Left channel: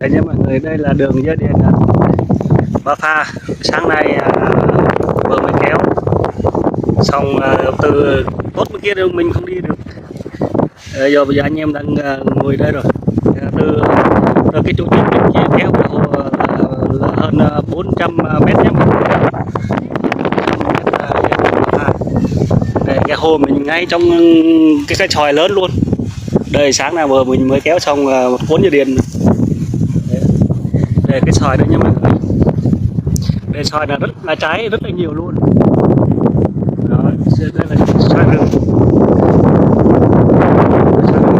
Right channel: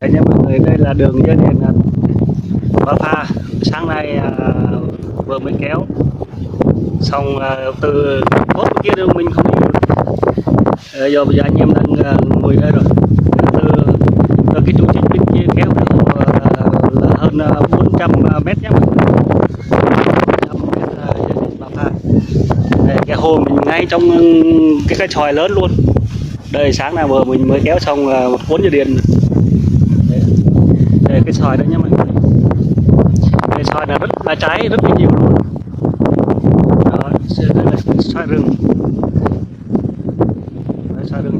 Đây nha mọi người, đây là đường dây điện Ba Pha. Sáng nay vừa mới kéo xong, từ cốt bên kia đường mình không đi được. Giờ bây giờ anh em đang ngồi đây rồi. Từ cái trụ điện bên kia kéo là hơn 400 mét nhé. Đây, cái hồ mình ngay trong cái chòi lớn luôn. Đây sáng nào vừa mình mới kéo xong một cuốn dây điện. Đây cái xoài đây nha mọi người. Đây xoài là rất là trái rất là nhiều luôn. Đó, đây là xoài rừng. Xoài rừng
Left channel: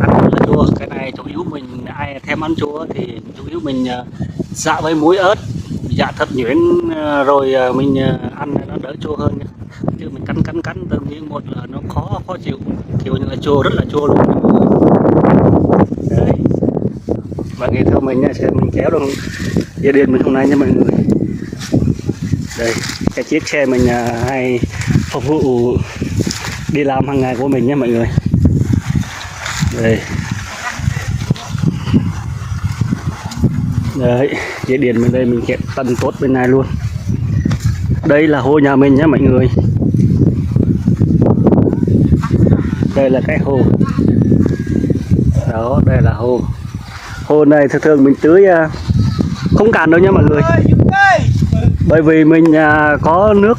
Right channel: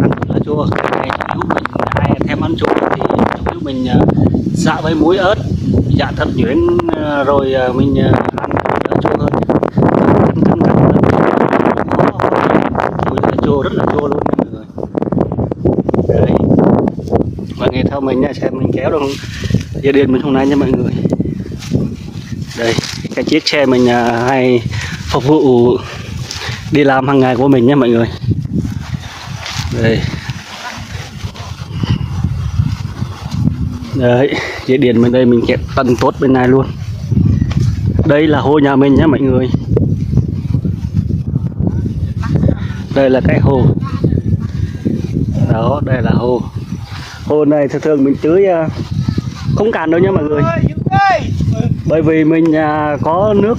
ăn rất là chua. Cái này chủ yếu mình ai thèm ăn chua thì chủ yếu mình dạ với muối ớt, dạ thật nhuyễn rồi mình ăn đỡ chua hơn. Cắn khó thì chua rất là chua luôn mọi người. Đấy. Mọi người theo mình nha, xem mình kéo được dây điện mình hôm nay nha mọi người. Đây cái chiếc xe mình hay phục vụ đi làm hàng ngày của mình nha mọi người. Đây đấy, dây điện bên đây mình kẹp tận tốt bên này luôn. Đây là hồ nhà mình nhé mọi người. Đây là cái hồ đó, đây là hồ. Hồ này thường thường mình tưới không cạn đâu nha mọi người, bởi vì mình có nước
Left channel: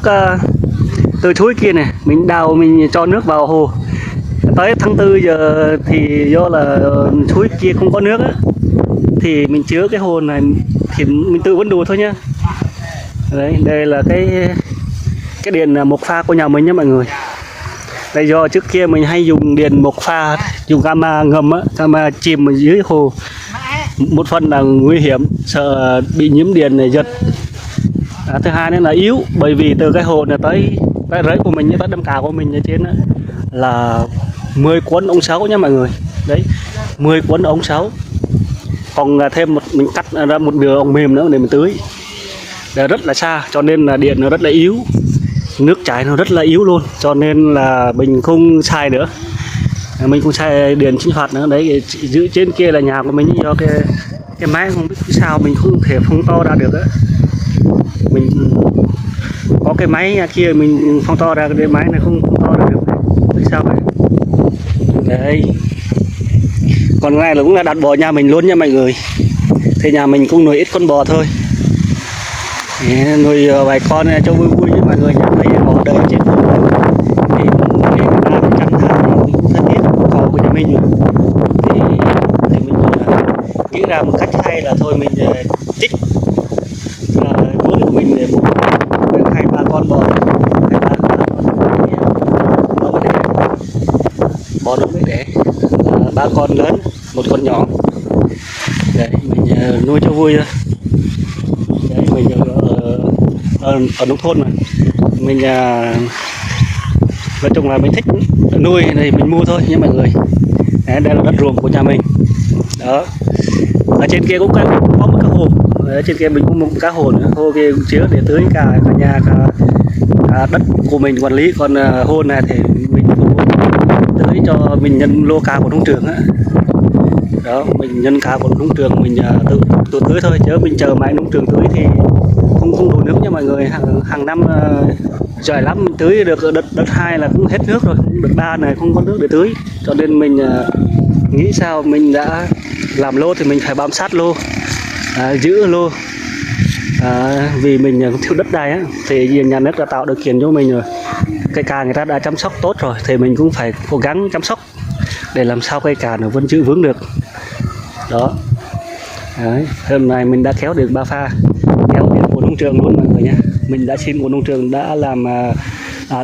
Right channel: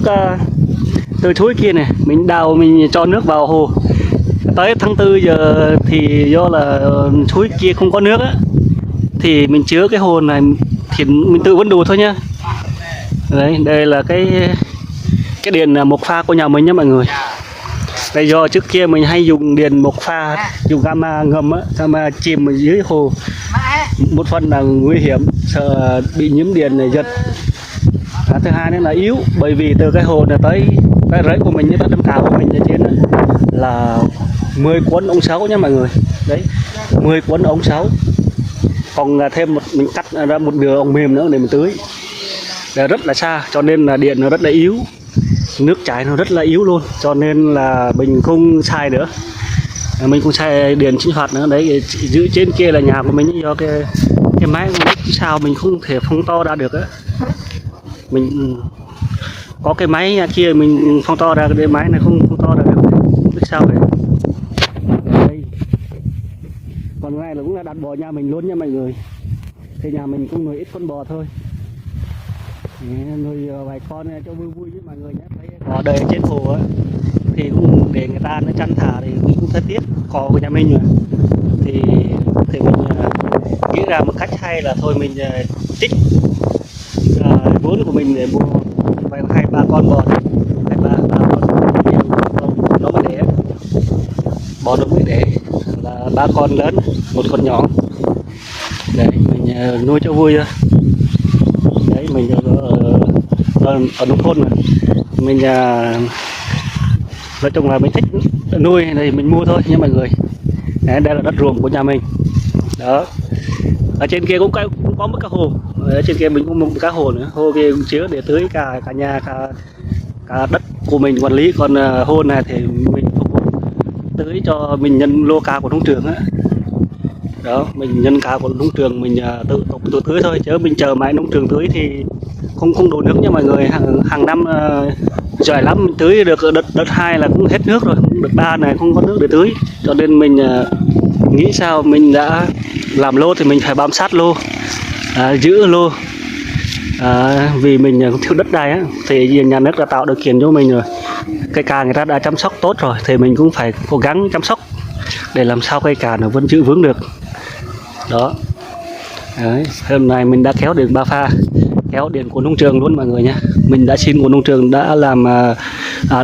từ suối kia này, mình đào mình cho nước vào hồ. Tới tháng 4 giờ thì do là suối kia không có nước á, thì mình chứa cái hồ này thì mình tự vẫn đủ thôi nhá. Đấy, đây là cái điện một pha của nhà mình nhé mọi người. Đây do trước kia mình hay dùng điện một pha, dùng gamma ngầm á, gamma chìm ở dưới hồ. Một phần là nguy hiểm, sợ bị nhiễm điện này giật. Thứ hai nữa là yếu, bởi vì từ cái hồ này tới cái rẫy của mình, tới đâm cào của mình ở trên đó, là 10 cuốn ống 6 nha mọi người. Đấy, 10 cuốn ống 6. Còn thêm mình cắt ra một đường ống mềm nữa để mình tưới. Để rất là xa, cho nên là điện nó rất là yếu, nước chảy nó rất là yếu luôn, cho nên là mình không xài nữa. Mình cũng xài điện sinh hoạt nữa. Đấy, giữ trên kia là nhà của mình, do cái máy không biết sao mình không thể phóng to ra được á. Mình có cái máy kia mình phóng to ra, cái máy này không to ra được, không biết sao vậy. Đây còn này là cũng là đặt bò nhà mình luôn nha mọi người. Thì nhà mình cũng nuôi ít con bò thôi, nuôi vài con cho vui vui với mọi người. Thấy bò đầy trên phố thì để người ta chăn thả thì mình cũng thân thiết cò của nhà mình rồi. Thì mình nghĩ ra một cách hay là thôi mình trích vốn của mình để mua 2-3 con bò, 2-3 con nó mới đẻ, bò nó mới đẻ là 3 con lớn, một con nhỏ. Đấy mình nuôi cho vui thôi. Đấy mình ở nông thôn mà mình nói chung là mình thích nuôi thì mình mua thôi nha mọi người. Đấy, đây là đất ruộng của nhà mình đó. Ở trên kia cũng có một cái hồ, ở trên kia mình cũng một cái hồ nữa, hồ kia cũng chứa để tưới cả nhà, cả đất của mình quản lý. Còn hồ này thì mình phục vụ tưới cho mình nhân lô cao của nông trường á. Đó, mình nhân cao của nông trường mình tự tưới thôi, chứ mình chờ mãi nông trường tưới thì không đủ nước nha mọi người. Hàng năm giỏi lắm mình tưới được đợt 2 là cũng hết nước rồi, đợt 3 này không có nước để tưới. Cho nên mình nghĩ sao mình đã làm lô thì mình phải bám sát lô, giữ lô. Vì mình thiếu đất đai á, thì nhà nước đã tạo điều kiện cho mình rồi, cây cà người ta đã chăm sóc tốt rồi, thì mình cũng phải cố gắng chăm sóc để làm sao cây cà nó vẫn giữ vững được đó. Đấy, hôm nay mình đã kéo được 3 pha, kéo điện của nông trường luôn mọi người nhé. Mình đã xin của nông trường, đã làm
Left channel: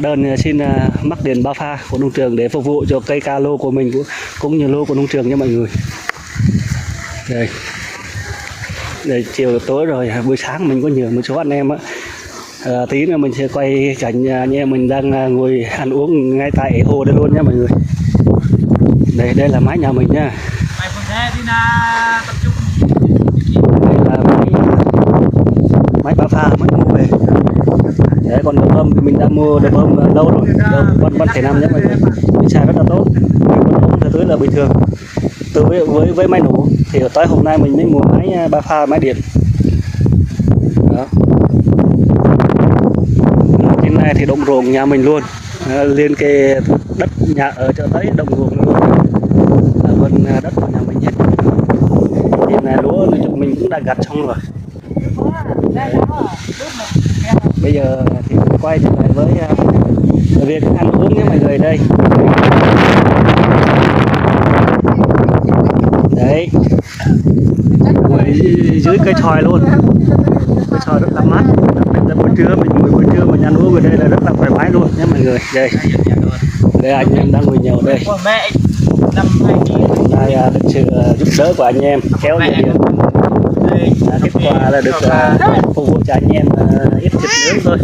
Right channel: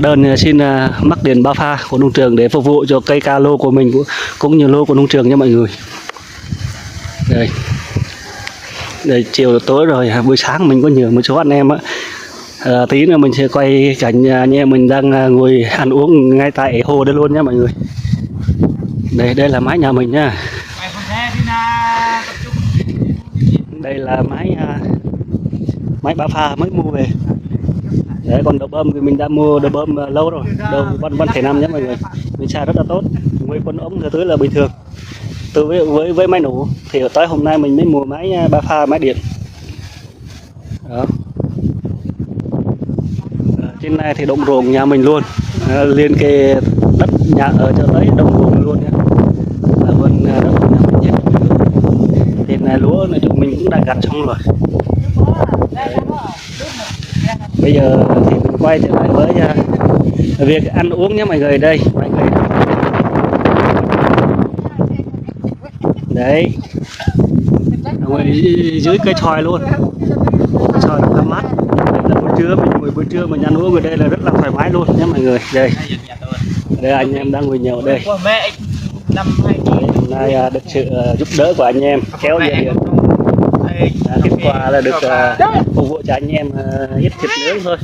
đơn xin mắc điện 3 pha của nông trường để phục vụ cho cây ca lô của mình, cũng như lô của nông trường nha mọi người. Đây chiều tối rồi, buổi sáng mình có nhiều một số anh em á. Tí nữa mình sẽ quay cảnh anh em mình đang ngồi ăn uống ngay tại hồ đây luôn nha mọi người. Đây là mái nhà mình nha. Đây là máy 3 pha mới mua về. Đấy, còn đợt bơm thì mình đã mua đợt bơm lâu rồi, đâu 1,5 nhé mọi người. Mình xài rất là tốt, con ống ra tới là bình thường. từ với máy nổ thì tới hôm nay mình mới mua máy ba pha máy điện đó. Trên này thì đồng ruộng nhà mình luôn, liên kề đất nhà ở cho tới đồng ruộng luôn là bên đất của nhà mình nhé. Thì này lúa nói chung mình cũng đã gặt xong rồi. Đấy. Bây giờ thì mình quay trở lại với việc ăn uống nhé mọi người. Đây đấy, ngồi dưới cây xoài luôn, cây xoài rất là mát. Là buổi trưa mình ăn uống ở đây là rất là thoải mái luôn nhé mọi người. Đây anh em đang ngồi nhậu đây. Hôm nay được sự giúp đỡ của anh em kéo dây điện. Kết quả là được phục vụ cho anh em ít thịt nướng thôi,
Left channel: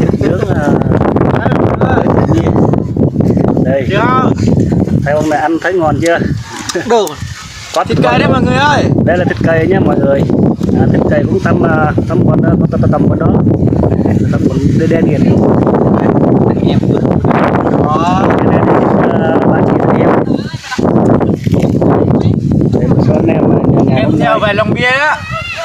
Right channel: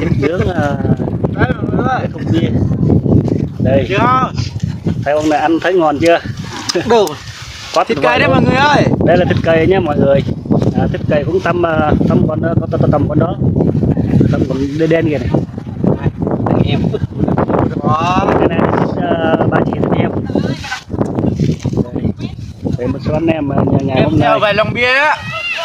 thịt nướng bia. Đây thấy ông này ăn thấy ngon chưa? Đủ Có thịt cây đấy mọi người ơi. Đây là thịt cây nhé mọi người. Thịt cây cũng tầm con đó, tầm con đó, tầm con đen đen kìa. Anh em đó. Cái này ba chị anh em. Để một số anh em nhà hôm nay về lòng bia á.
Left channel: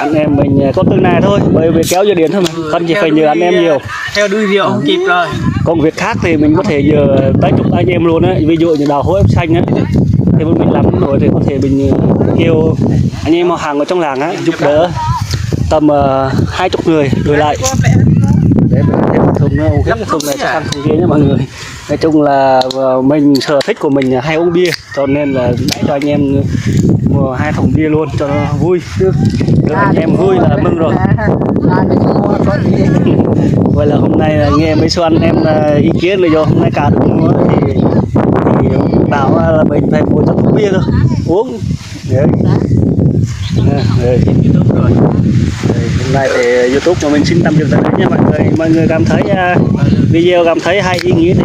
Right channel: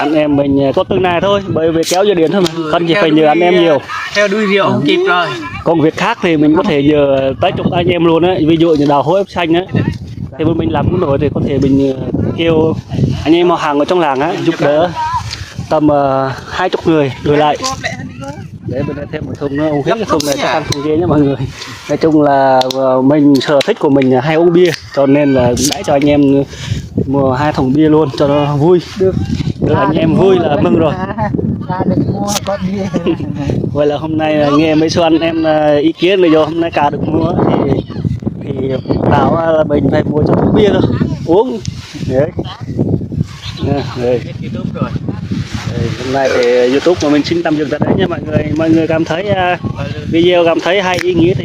anh em mình có từng này thôi, bởi vì kéo dây điện thôi mà, không chỉ phải nhờ anh em nhiều. Theo đuôi rượu không kịp rồi. Công việc khác thì mình có thể nhờ tới chục anh em luôn á, ví dụ như đào hố ép xanh á, thì bên mình làm cũng nổi thì có thể mình kêu anh em họ hàng ở trong làng á giúp đỡ tầm 20 người đổi lại để mình thêm thùng nó uống hết cái thùng này cho ăn thùng kia nhé mọi người. Nói chung là mình sở thích của mình là hay uống bia, cho nên là đãi cho anh em mua 2 thùng bia luôn cho nó vui, được anh em vui là mừng rồi. Vậy là hôm nay là nghe mấy số anh em ý kiến bây giờ hôm nay cả được mua thì bảo là mình phải mua cho thùng bia thôi uống đấy. Đây. Hôm nay thì YouTube của mình xin tạm dừng tại đây nha mọi người cảm thấy video cảm thấy hay ý nghĩa thì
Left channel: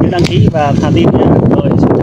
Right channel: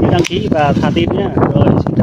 nhớ đăng ký và thả tim nhé. Rồi xin chào.